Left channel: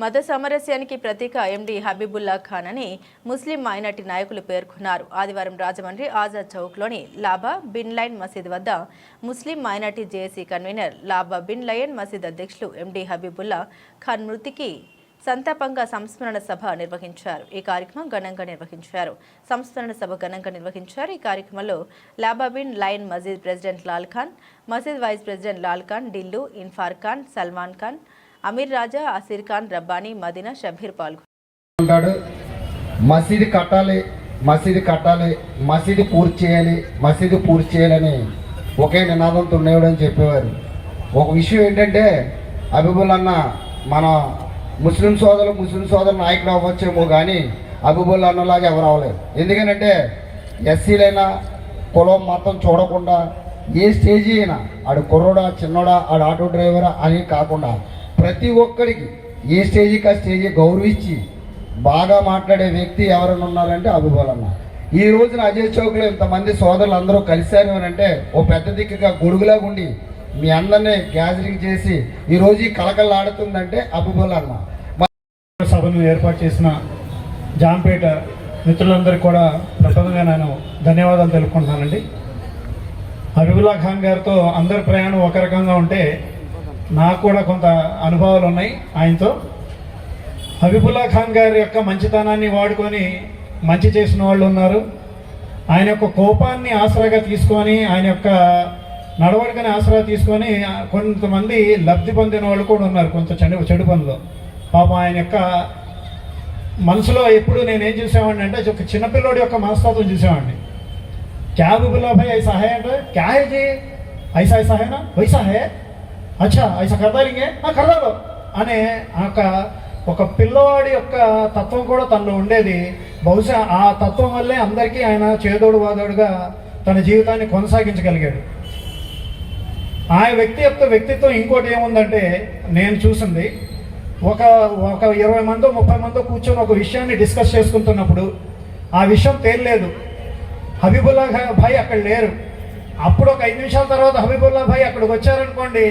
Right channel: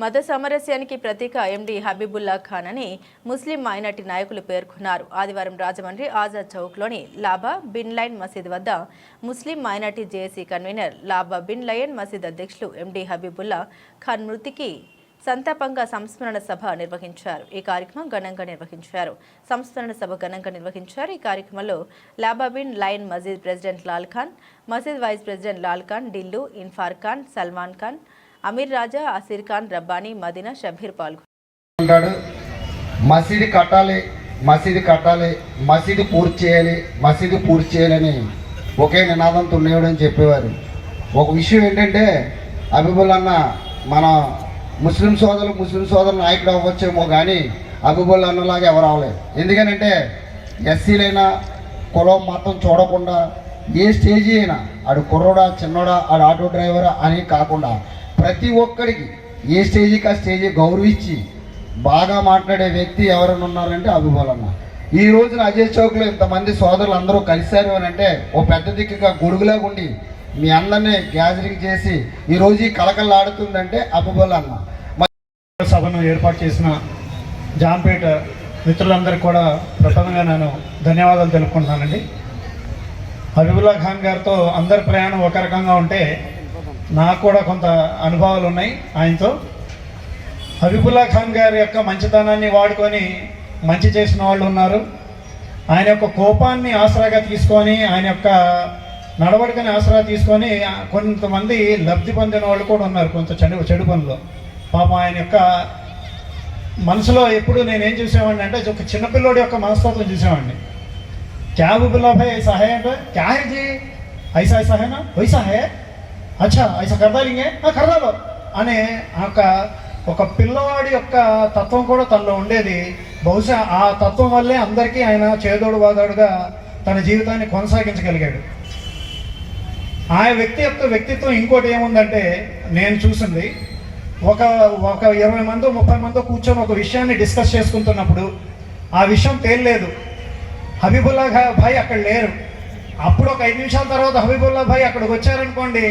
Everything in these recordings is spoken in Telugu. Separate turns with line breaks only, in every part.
మత సామరస్యానికి ప్రతీక ఎండి హబీబుల్లా ఖాన్ అని ముస్లిం మైనార్టీ నాయకులు పేర్కొన్నారు. ఆదివారం రాజమండ్రి ఆజాద్ చౌక్లోని లాబా బిన్ లైన్ మసీద్ వద్ద ముస్లిం మైనార్టీ జేఏసీ కన్వీనర్ లాబా బిన్ లయన్ మసీద్ అధ్యక్షులు ఎండి హబీబుల్లా ఖాన్ మృతికి సంతాపంగా సంస్మరణ సభ నిర్వహించారు. ఈ కార్యక్రమం ఘనంగా నిర్వహించారు. సంస్మరణ సభ ఘనంగా నిర్వహించారు. ఈ కార్యక్రమంలో లాబాబిన్ లయన్ మసీద్ ప్రెసిడెంట్ లాల్ ఖాన్ మసీద్ వైస్ ప్రెసిడెంట్ లాల్ ఖాన్ ఢిల్లు ఇన్ఫార్ ఖాన్ సల్మాన్ ఖాన్ అమీర్ రాజా అసీర్ ఖాన్ రబ్బానీ మదీనా షబీర్ పాల్గొన్నారు.
మసీదు కట్టాలి మసీదు కట్టాలి మసీదు పూర్తి చేయాలి మసీదు పూర్తి చేయాలని ఒకే నినాదంతో ఉండేవాడు అని చెప్పేవారు. ఒక విషయం ఏంటంటే అబిబుల్ అన్న మన ముస్లిం సోదరులు ముస్లిం సోదరు నాయకుడు అవ్వచ్చేమో కానీ అబిబుల్ అన్నలాగా ఎవరు అవ్వలేదు. ఎందుకనంటే ఎస్సీలైనా కులం మతం చూడకుండా ఏ స్టేజీ అయినా ఆడు కుర్రోడా చిన్నోడా ఆడు ఆటో డ్రైవరా అని కాకుండా ప్రతి ఒక్కడికి ఏ స్టేజీకి ఆ స్టేజీ గౌరవించి బాగా మాట్లాడే వ్యక్తి ఎవరైనా ఉన్నారంటే అబుబోల్ ఈ రోజున అజయ్ చౌక్లో ఇంతమంది సోదరులు అందరూ కలిశారు అని అంటే ఓ పెద్ద దిక్కుగా గొడుగులా ఉండి మీ అందరినీ గ్యాదరింగ్ చేసి ఈరోజు ఈ కలకల్లాడుతుందంటే అబుబోల్
సభను ఏర్పాటు చేసిన జాంపేట మిత్రులందరూ కూడా ప్రథమంగా నేను ధన్యవాదాలు తెలుపుకుంటున్నానండి. హబీబుల్లా ఖాన్ గారితో అందరి ప్రయాణం ఒక రకంగా ఉంటే నాకు కూడా కొంత అనుభవాలు ఉన్నాయి ఆయనతో. హబీబుల్లా ఖాన్ గారి యొక్క మంచితనాన్ని వాడుకొని మంచి చేసిన వాళ్ళు ఉన్నారు. ఆయన యొక్క కోపాన్ని ఆసరాగా తీసుకొని ఆయన యొక్క నడవడికని ఆసరా తీసుకొని కొంతమంది లబ్ధి పొందిన వాళ్ళు కూడా ఉన్నారు కొంత చెడు చెడు పనులు పాపం ఆయన యొక్క మనసులో ఎప్పుడు నేనేం చూసేవాడిని అంటే ఒక చిన్నపిల్లోడి యొక్క మనస్తత్వం చూసేవాడిని. క్యాబు పిల్లపై సహాయం అంటే క్యాజీ ఐసా సహాయమా హైనా వైసా హే అచ్చా ఐసా కర్దా ఆ కర్దాబా అనే ఒక ఒక పిల్లవాడి యొక్క తత్వం కూడా తనలో ఉండేది. బహుశా ఆ తత్వం వల్లే అందరికీ ఆయన చేదోడు వాదోడుగా తన జీవితాన్ని కొనసాగించగలిగాడు. ఆ వ్యక్తి యొక్క వ్యక్తిత్వం ఇంకోటి ఏముందంటే నేను చూసింది ఒక ఒక ఇరవై మందో ముప్పై మందో కూర్చొని ఒక విషయాన్ని డిస్కస్ చేసుకుంటున్నప్పుడు ఆ విషయం తేలలేదు. హబీబుల్లా భాయ్ అక్కడ లేరు. అప్పుడు ఒక ఐదు నిమిషాల తర్వాత హబీబుల్లా భాయ్ అక్కడికి వచ్చారనుకోండి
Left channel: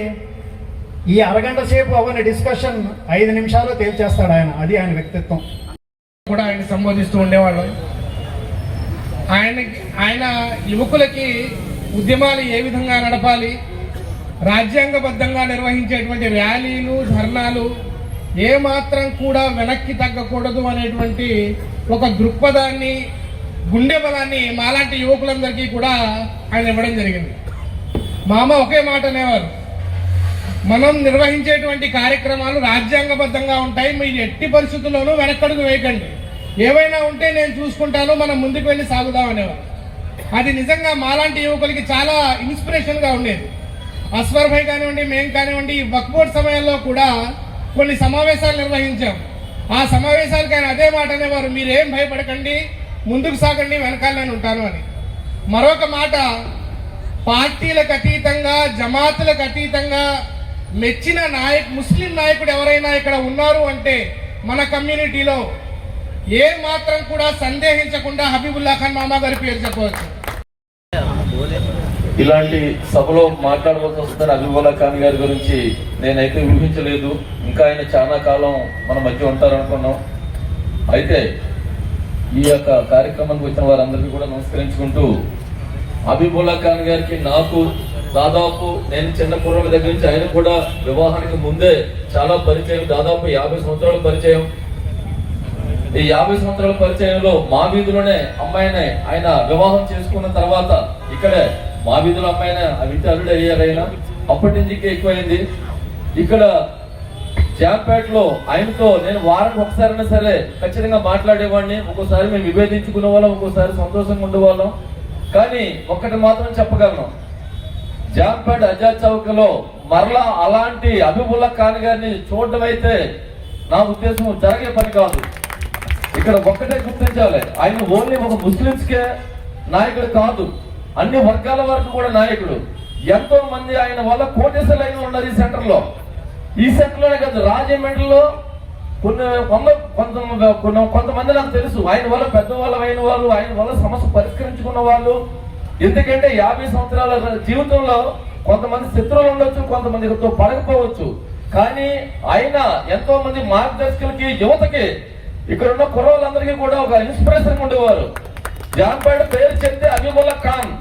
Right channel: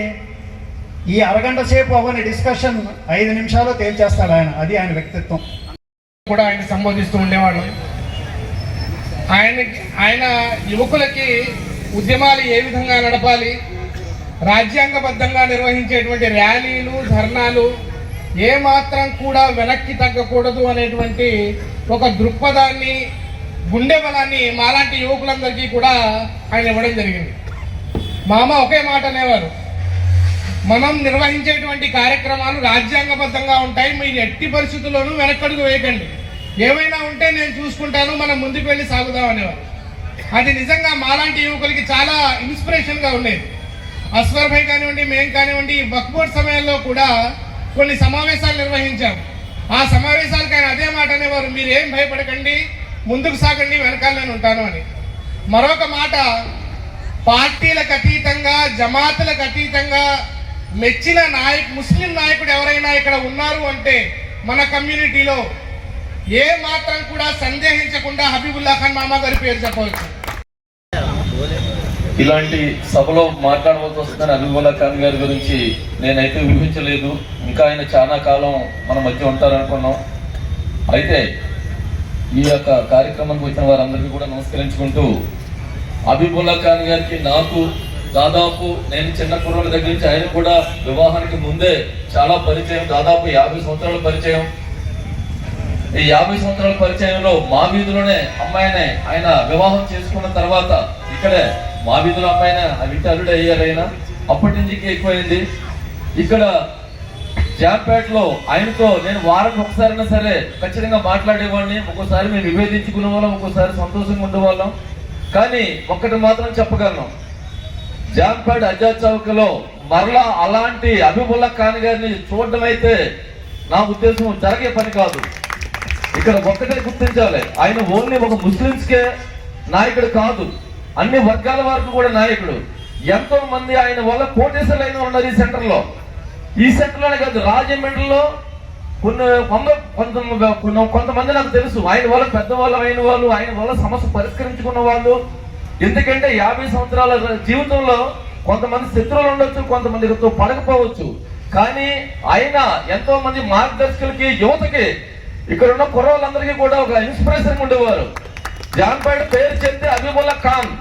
ఈ అరగంట సేపు అవన్నీ డిస్కషన్ ఐదు నిమిషాల్లో తేల్చేస్తాడు ఆయన. అది ఆయన వ్యక్తిత్వం.
కూడా ఆయన సంబోధిస్తూ ఉండేవాళ్ళు ఆయన ఆయన యువకులకి ఉద్యమాలు ఏ విధంగా నడపాలి రాజ్యాంగబద్ధంగా నిర్వహించేటువంటి ర్యాలీలు ధర్నాలు ఏ మాత్రం కూడా వెనక్కి తగ్గకూడదు అనేటువంటి ఒక దృక్పథాన్ని గుండె బలాన్ని మాలాంటి యువకులందరికీ కూడా ఆయన ఇవ్వడం జరిగింది. మా అమ్మ ఒకే మాట అనేవారు. మనం నిర్వహించేటువంటి కార్యక్రమాలు రాజ్యాంగబద్ధంగా ఉంటాయి. మీరు ఎట్టి పరిస్థితుల్లోనూ వెనక్కడుగు వేయకండి. ఏవైనా ఉంటే నేను చూసుకుంటాను మనం ముందుకు వెళ్ళి సాగుదామనేవారు అది నిజంగా మాలాంటి యువకులకి చాలా ఇన్స్పిరేషన్గా ఉండేది. అస్వర్ భాయ్ కానివ్వండి మేము కానివ్వండి వక్బోర్డ్ సమయంలో కూడా కొన్ని సమావేశాలు నిర్వహించాం. ఆ సమావేశాలకు ఆయన అదే మాట అనేవారు మీరేం భయపడకండి ముందుకు సాగండి వెనకాల నేను ఉంటాను అని. మరొక మాట పార్టీలకు అతీతంగా జమాతులకు అతీతంగా మెచ్చిన నాయక్ ముస్లిం నాయకుడు ఎవరైనా ఇక్కడ ఉన్నారు అంటే మన కమ్యూనిటీలో ఏ మాత్రం కూడా సందేహించకుండా హబీబుల్లా ఖాన్ మామ గారి పేరు చెప్పవచ్చు.
ఇలాంటి సభలో మాట్లాడవలసి వస్తుందని అబిబుల్లా ఖాన్ గారి గురించి నేనైతే ఊహించలేదు. ఇంకా ఆయన చాలా కాలం మన మధ్య ఉంటారనుకున్నాం. అయితే ఈ యొక్క కార్యక్రమానికి వచ్చిన వారందరికీ కూడా నమస్కరించుకుంటూ అబీబుల్లా ఖాన్ గారికి నాకు దాదాపు నేను చిన్న కుర్రోడి దగ్గర నుంచి ఆయన కూడా వివాహానికి ముందే చాలా పరిచయం దాదాపు యాభై సంవత్సరాల పరిచయం. ఈ యాభై సంవత్సరాల పరిచయంలో మా వీధిలోనే అమ్మాయినే ఆయన వివాహం చేసుకున్న తర్వాత ఇక్కడే మా వీధిలో అమ్మాయినే ఇంటి అల్లుడు అయ్యారు ఆయన. అప్పటి నుంచి ఇంకా ఎక్కువైంది. ఇక్కడ జాంపేటలో ఆయనతో నేను వారం ఒకసారైనా సరే ఖచ్చితంగా మాట్లాడేవాడిని. ఒక్కోసారి మేము విభేదించుకునే వాళ్ళం ఒక్కోసారి సంతోషంగా ఉండేవాళ్ళం. కానీ ఒక్కటి మాత్రం చెప్పగలను. జాంపేట చౌక్లో మరలా అలాంటి అభిబుల్లా ఖాన్ గారిని చూడడం అయితే నా ఉద్దేశం జరిగే పని కాదు. ఇక్కడ ఒక్కటే గుర్తించాలి. ఆయన ఓన్లీ ఒక ముస్లింస్కే నాయకుడు కాదు. అన్ని వర్గాల వారికి కూడా నాయకుడు. ఎంతో మంది ఆయన వల్ల కోటేశ్వరులు అయిన ఉన్నారు ఈ సెంటర్లో ఈ సెంటర్లోనే కాదు రాజమండ్రిలో కొన్ని కొంత కొంత కొంతమంది నాకు తెలుసు. ఆయన వల్ల పెద్దవాళ్ళు అయిన వాళ్ళు ఆయన వల్ల సమస్య పరిష్కరించుకున్న వాళ్ళు ఎందుకంటే యాభై సంవత్సరాల జీవితంలో కొంతమంది శత్రువులు ఉండొచ్చు కొంతమందితో పడకపోవచ్చు. కానీ ఆయన ఎంతో మంది మార్గదర్శకులకి యువతకి ఇక్కడ ఉన్న కుర్రోళ్ళందరికీ కూడా ఒక ఇన్స్పిరేషన్ ఉండేవారు. జాన్ పైడ్ పేరు చెప్తే అబీబుల్లా ఖాన్.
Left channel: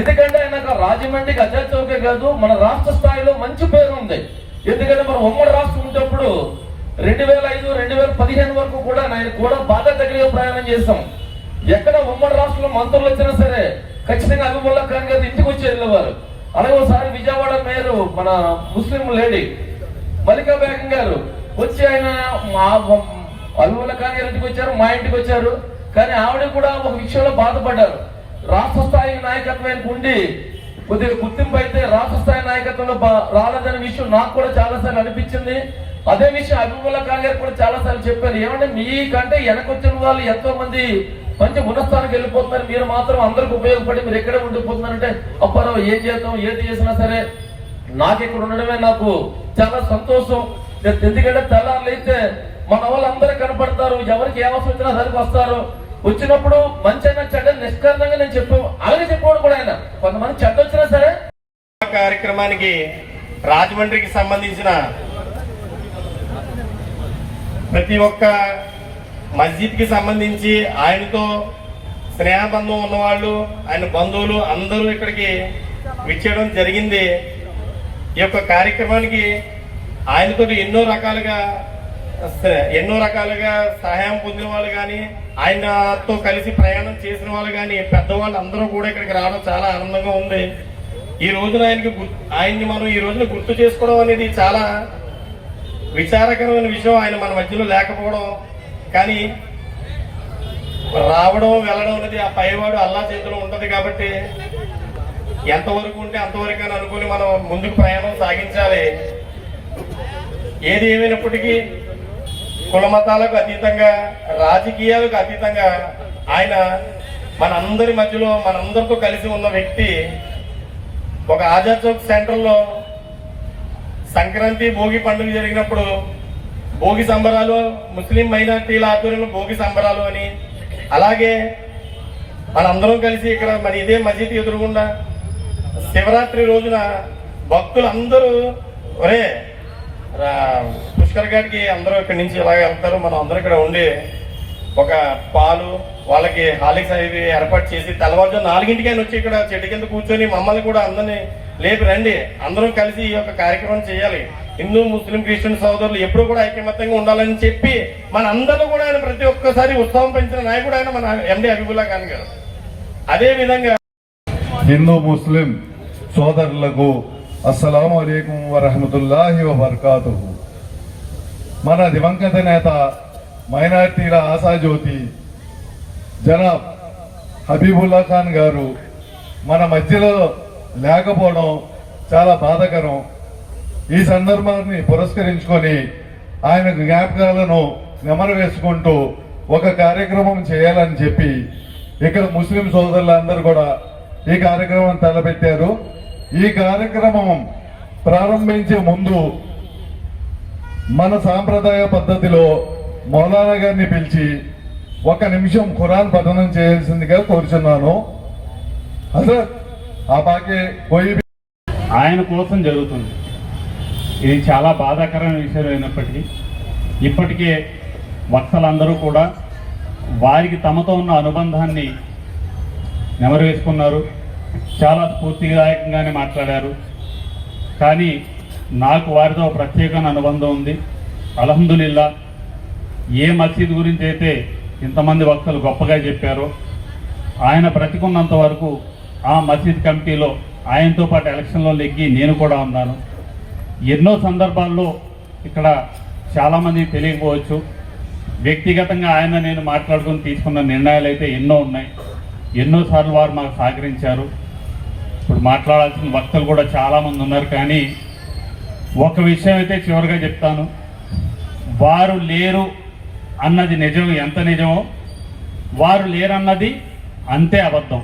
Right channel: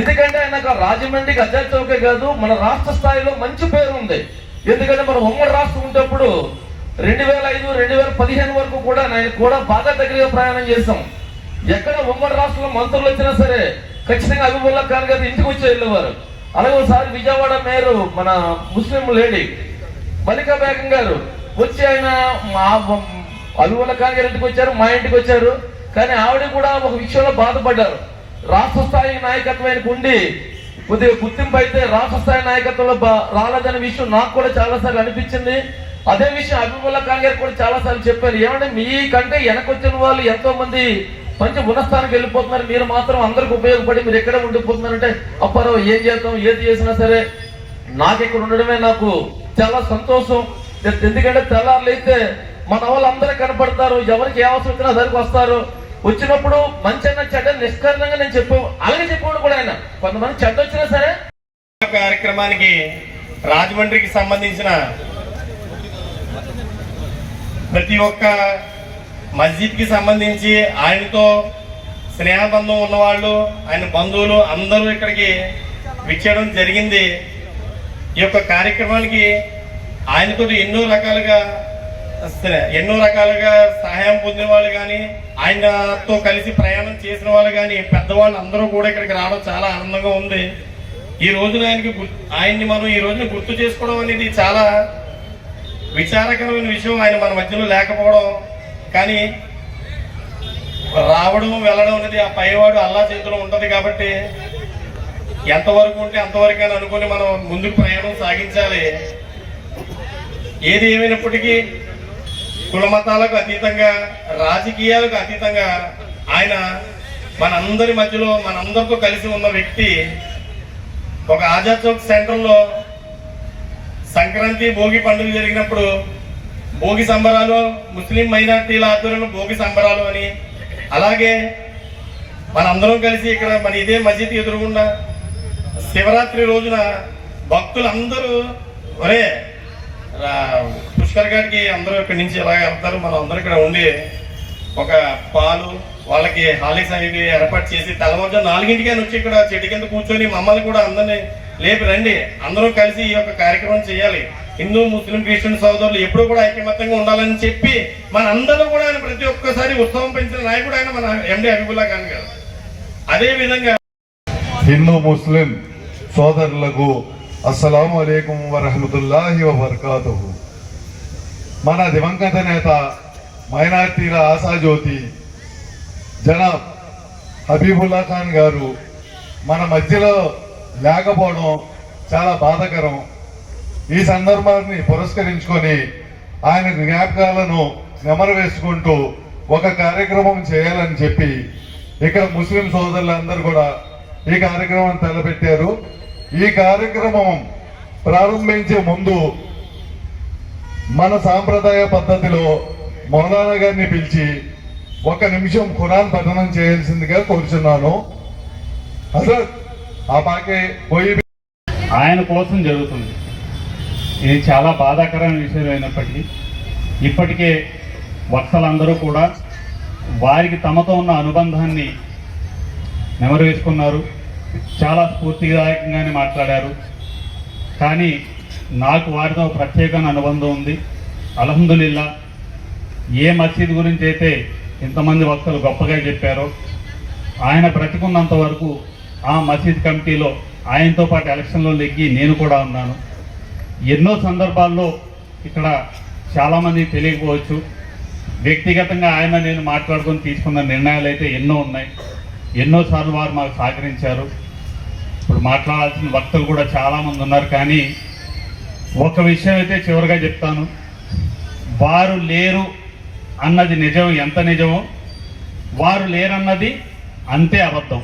ఎందుకంటే ఆయన రాజమండ్రికి అధ్యక్షకే కాదు మన రాష్ట్ర స్థాయిలో మంచి పేరు ఉంది. ఎందుకంటే మన ఉమ్మడి రాష్ట్రం ఉండేటప్పుడు రెండు వేల ఐదు రెండు వేల పదిహేను వరకు కూడా నేను కూడా బాధ దగ్గరగా ప్రయాణం చేశాం. ఎక్కడ ఉమ్మడి రాష్ట్రంలో మంత్రులు వచ్చినా సరే ఖచ్చితంగా అబీబుల్లా ఖాన్ గారు ఇంటికి వచ్చి వెళ్ళేవారు. అలాగే ఒకసారి విజయవాడ మేయర్ మన ముస్లిం లేడీ మల్లికా బేగం గారు వచ్చి ఆయన మా అబీబుల్లా ఖాన్ గారి ఇంటికి వచ్చారు మా ఇంటికి వచ్చారు. కానీ ఆవిడ కూడా ఒక విషయంలో బాధపడ్డారు. రాష్ట్ర స్థాయి నాయకత్వానికి ఉండి కొద్దిగా గుర్తింపు అయితే రాష్ట్ర స్థాయి నాయకత్వంలో బా- రాలేదనే విషయం నాకు కూడా చాలాసార్లు అనిపించింది. అదే విషయం అభిముల్లా ఖాన్ గారు కూడా చాలాసార్లు చెప్పారు. ఏమంటే మీకంటే వెనకొచ్చిన వాళ్ళు ఎంతో మంది మంచి గుణస్థానికి వెళ్ళిపోతున్నారు. మీరు మాత్రం అందరికి ఉపయోగపడి మీరు ఎక్కడే ఉండిపోతున్నారంటే అప్పారావు ఏం చేద్దాం ఏది చేసినా సరే నాకు ఇక్కడ ఉండడమే నాకు చాలా సంతోషం. ఎందుకంటే తెల్లారులు అయితే మన వాళ్ళందరూ కనపడతారు. ఎవరికి ఏ అవసరం వచ్చినా సరికి వస్తారు. వచ్చినప్పుడు మంచి అయినా చెడ్డ నిష్కరణంగా నేను చెప్పు అలాగే చెప్పాడు కూడా ఆయన. కొంతమంది చెడ్డ వచ్చినా సరే
కార్యక్రమానికి రాజమండ్రికి సంబంధించిన ప్రతి ఒక్క మస్జిద్కి సంబంధించి ఆయనతో స్నేహబంధం ఉన్నవాళ్ళు ఆయన బంధువులు అందరూ ఇక్కడికి విచ్చేయడం జరిగింది. ఈ యొక్క కార్యక్రమానికి ఆయనతో ఎన్నో రకాలుగా ఎన్నో రకాలుగా సహాయం పొందిన వాళ్ళు కానీ ఆయనతో కలిసి ప్రయాణం చేసిన వాళ్ళు కానీ పెద్దవాళ్ళు అందరూ కూడా ఇక్కడికి రావడం చాలా ఆనందంగా ఉంది. ఈ రోజున ఆయనకి ఆయన్ని మనం ఈ రోజున గుర్తు చేసుకోవడం అనేది చాలా విచారకరమైన విషయం. ఆయన మన మధ్యలో లేకపోవడం కానీ రావడం వెళ్ళడం అనేది ఆ పైవాడు అల్లా చేతిలో ఉంటుంది కాబట్టి ఎంతవరకు ఉంటే అంతవరకు అని అనుకుని మనం ముందుకు ప్రయాణం సాగించాలి. ఏది ఏమైనప్పటికీ కులమతాలకు అతీతంగా రాజకీయాలకు అతీతంగా ఆయన మనందరి మధ్యలో మనందరితో కలిసి ఉన్న వ్యక్తి ఒక ఆజాద్ చౌక్ సెంటర్లో సంక్రాంతి భోగి పండుగ జరిగినప్పుడు భోగి సంబరాలు ముస్లిం మైనార్టీల ఆధ్వర్యంలో భోగి సంబరాలు అని. అలాగే మనందరం కలిసి ఇక్కడ మరి ఇదే మసీద్ ఎదురుగుండా శివరాత్రి రోజున భక్తులందరూ ఒరే పుష్కర్ గారికి అందరూ ఇక్కడి నుంచి ఇలాగ వెళ్తారు. మనం అందరూ ఇక్కడ ఉండి ఒక పాలు వాళ్ళకి హాలిక్స్ అవి ఏర్పాటు చేసి తెల్లవారుజాము నాలుగింటికి ఆయన వచ్చి ఇక్కడ చెట్టు కింద కూర్చొని మమ్మల్ని కూడా అందరినీ లేపి రండి. అందరూ కలిసి ఈ యొక్క కార్యక్రమం చేయాలి. హిందూ ముస్లిం క్రిస్టియన్ సోదరులు ఎప్పుడూ కూడా ఐకమత్యంగా ఉండాలని చెప్పి మన అందరూ కూడా ఆయన ప్రతి ఒక్కసారి ఉత్సవం పెంచిన నాయకుడు ఆయన మన ఎండి అబిబుల్లా ఖాన్ గారు. అదే విధంగా
హిందూ ముస్లిం సోదరులకు అస్సలాము అలైకుం వరహమతుల్లాహి వబర్కాతుహు. మన దివంగత నేత మైనార్టీల ఆశాజ్యోతి జనాబ్ హబీబుల్లా ఖాన్ గారు మన మధ్యలో లేకపోవడం చాలా బాధకరం. ఈ సందర్భాన్ని పురస్కరించుకొని ఆయన జ్ఞాపకాలను నెమరవేసుకుంటూ ఒక కార్యక్రమం చేయాలని చెప్పి ఇక్కడ ముస్లిం సోదరులందరూ కూడా ఈ కార్యక్రమం తలపెట్టారు. ఈ కార్యక్రమం ప్రారంభించే ముందు మన సాంప్రదాయ పద్ధతిలో మౌలానా గారిని పిలిచి ఒక నిమిషం ఖురాన్ పఠనం చేయాల్సిందిగా కోరుచున్నాను. అసలు ఆ పాకే పోయి
ఆయన కోసం జరుగుతుంది. ఇది చాలా బాధాకరమైన విషయం అయినప్పటికీ ఇప్పటికే వక్తలందరూ కూడా వారికి తమతో ఉన్న అనుబంధాన్ని నెమరవేసుకున్నారు. చాలా స్ఫూర్తిదాయకంగానే మాట్లాడారు. కానీ నాకు వారితో ప్రత్యేకమైన అనుబంధం ఉంది. అలహందుల్లా ఏ మసీద్ గురించి అయితే ఇంతమంది వక్తలు గొప్పగా చెప్పారో ఆయన బ్రతికున్నంత వరకు ఆ మసీద్ కమిటీలో ఆయనతో పాటు ఎలక్షన్లో లెగ్గి నేను కూడా ఉన్నాను. ఎన్నో సందర్భాల్లో ఇక్కడ చాలామంది తెలియకపోవచ్చు. వ్యక్తిగతంగా ఆయన నేను మాట్లాడుకుని తీసుకున్న నిర్ణయాలు అయితే ఎన్నో ఉన్నాయి. ఎన్నోసార్లు వారు మాకు సహకరించారు. ఇప్పుడు మాట్లాడాల్సిన వక్తలు కూడా చాలామంది ఉన్నారు. కానీ ఒక విషయం అయితే చివరిగా చెప్తాను. వారు లేరు అన్నది నిజం ఎంత నిజమో వారు లేరన్నది అంతే అబద్ధం.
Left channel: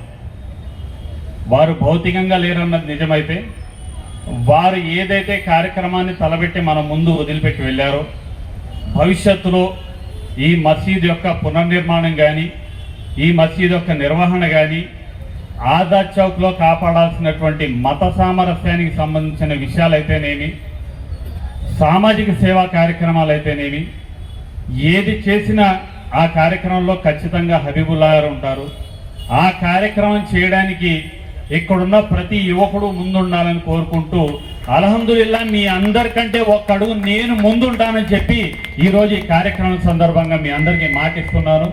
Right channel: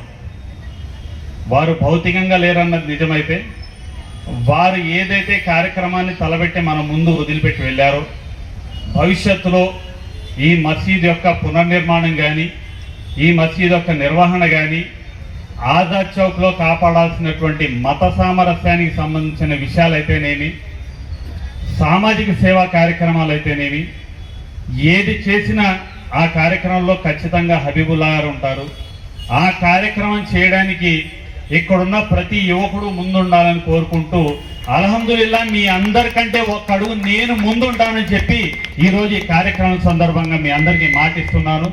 వారు భౌతికంగా లేరన్నది నిజమైతే వారు ఏదైతే కార్యక్రమాన్ని తలబెట్టి మన ముందు వదిలిపెట్టి వెళ్ళారో భవిష్యత్తులో ఈ మసీద్ యొక్క పునర్నిర్మాణం కానీ ఈ మసీద్ యొక్క నిర్వహణ కానీ ఆజాద్ చౌక్లో కాపాడాల్సినటువంటి మత సామరస్యానికి సంబంధించిన విషయాలైతేనేమి సామాజిక సేవా కార్యక్రమాలు అయితేనేమి ఏది చేసినా ఆ కార్యక్రమంలో ఖచ్చితంగా హబీబుల్లా గారు ఉంటారు. ఆ కార్యక్రమం చేయడానికి ఇక్కడున్న ప్రతి యువకుడు ముందుండాలని కోరుకుంటూ అలహందుల్లా మీ అందరికంటే ఒక్క అడుగు నేను ముందుంటానని చెప్పి ఈరోజు ఈ కార్యక్రమం సందర్భంగా మీ అందరికీ మాటిస్తున్నాను.